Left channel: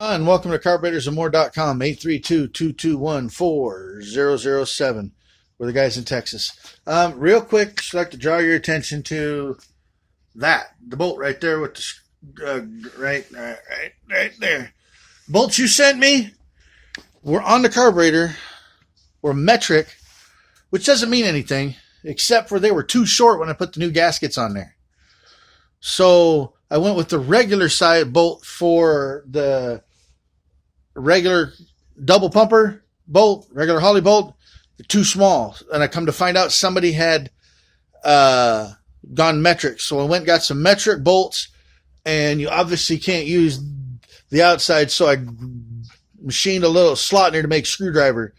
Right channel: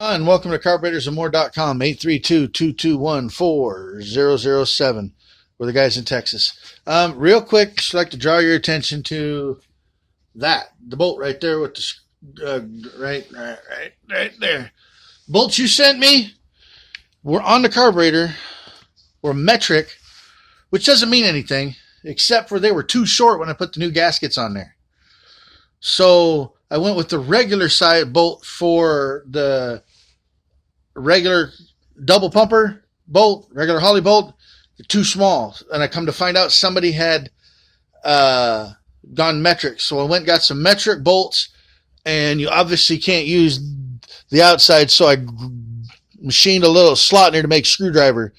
And welcome to carburetorsamore.com, 832-221-4007. We're the guys in Texas. Real quick, just like to draw your attention to the bolt right there with the, right there. Bolts you sent me were on the carburetor, were metric, which doesn't mean anything, except for they were too short when I put the new gaskets on there. So I went with the regular side bolt for the regular double pumper bolt, regular Holley bolt. They're too small. And I come to find out somebody had gone metric. So I went and got some metric bolts, and you obviously can't use the outside. So I machined a little slot in there to make screwdriver,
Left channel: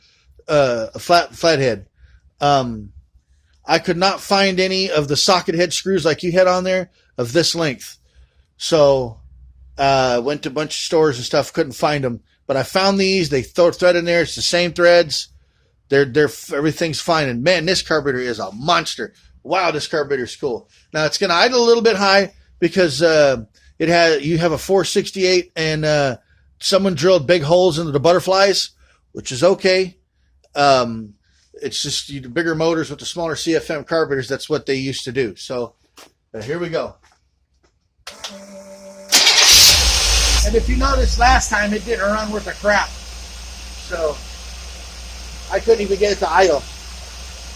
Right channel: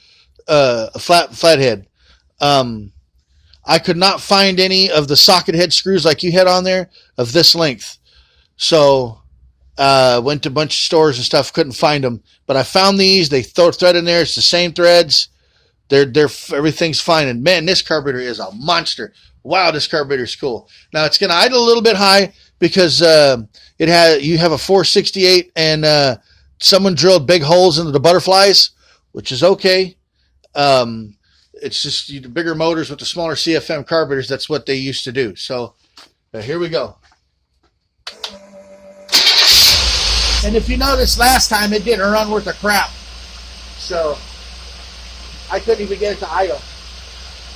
a flathead. I could not find any of the socket head screws like you had on there of this length. So went to a bunch of stores and stuff, couldn't find them. But I found these. They throw a thread in there. It's the same threads. They're everything's fine. And man, this carburetor is a monster. Wow, this carburetor is cool. Now it's going to idle a little bit high because you have a 468 and someone drilled big holes into the butterflies, which is okay. It's just the bigger motors with the smaller CFM carburetors. That's what they used to do. So here we go. And if you noticed last time, it didn't run worth a crap. So I couldn't even get it to idle.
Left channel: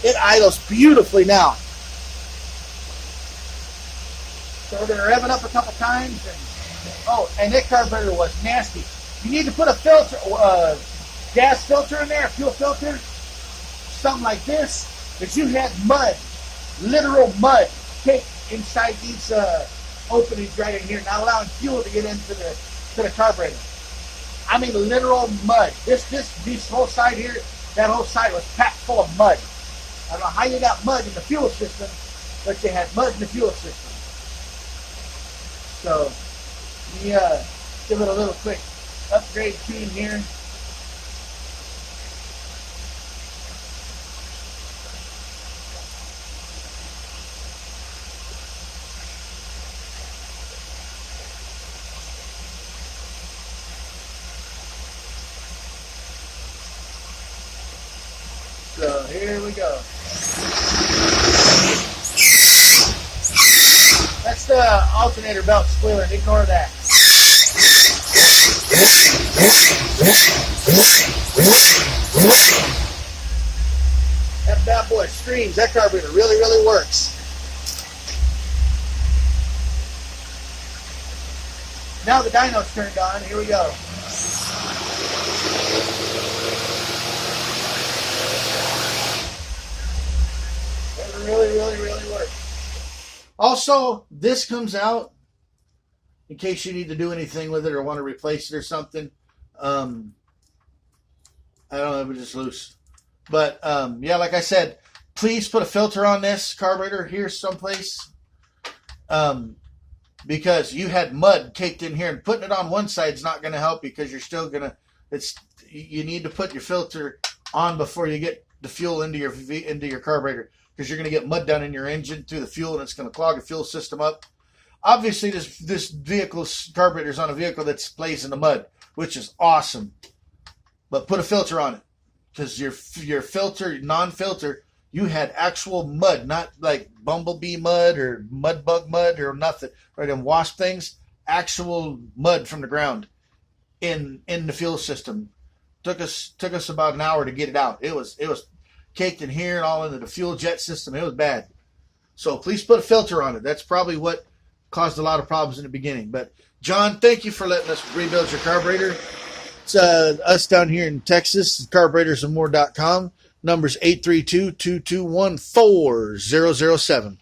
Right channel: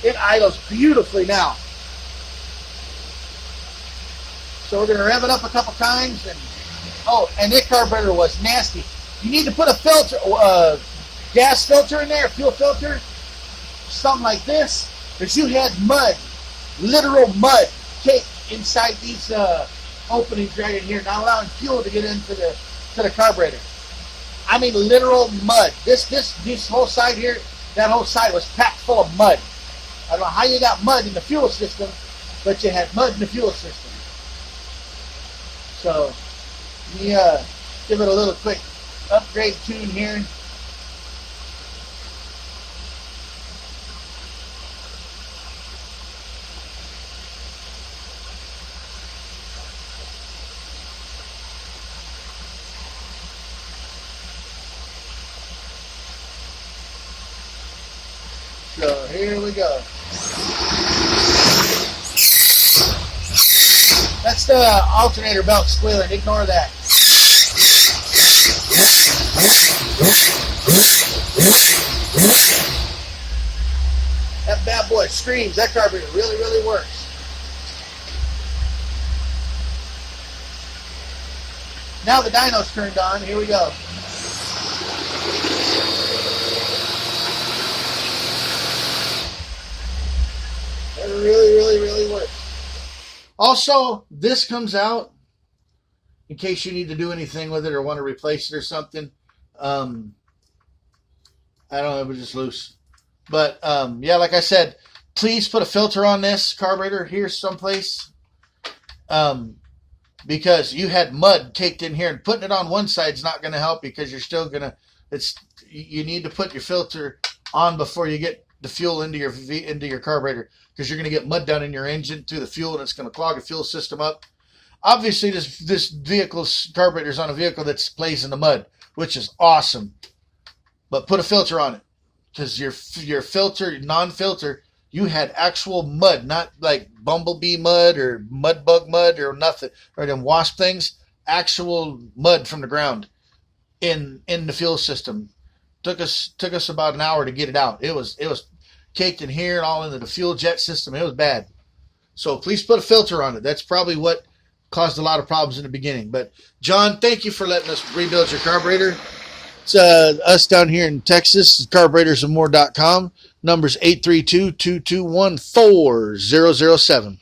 It idles beautifully now. So we're going to rev it up a couple times. And that carburetor was nasty. You need to put a filter, gas filter in there, a fuel filter, something like this, because you had mud, literal mud, caked inside these openings right in here, not allowing fuel to get into the carburetor. I mean, literal mud. This whole side here, that whole side was packed full of mud. I don't know how you got mud in the fuel system, but you had mud in the fuel system. So, let me give it a little quick upgrade tune here. So here we go. That's the alternator belt squealing. Ignore that. That bad boy screams. That carburetor really, really works. Now the dyno's turned on. Here we go. Really works. Also, this comes out in case you need to do anything with it or want to replace it or something. I don't know, it was just loose. But yeah, like I said, please put a filter on this carburetor here someplace. Because you had mud caked in here, and putting it on one side is not going to help because you're still going to, you need to put your filter on before you get the fuel into your carburetor, because you're going to get mud down in your engine through the fuel, and it's going to clog the fuel system up. Obviously, this vehicle's carburetor is on a vehicle that plays in the mud, which is awesome. But put a filter on it, because your filter, non-filter, you had actual mud, not like bumblebee mud or mud bug mud or nothing, or them wasp things. Actual mud from the ground in the fuel system. Took us about an hour to get it out. It was caked in here and all into the fuel jet system. It was bad. So please put a filter on it. That's probably what caused a lot of problems in the beginning. But John, thank you for letting us rebuild your carburetor. It's us down here in Texas, carburetorsamore.com. Number's 832-221-4007.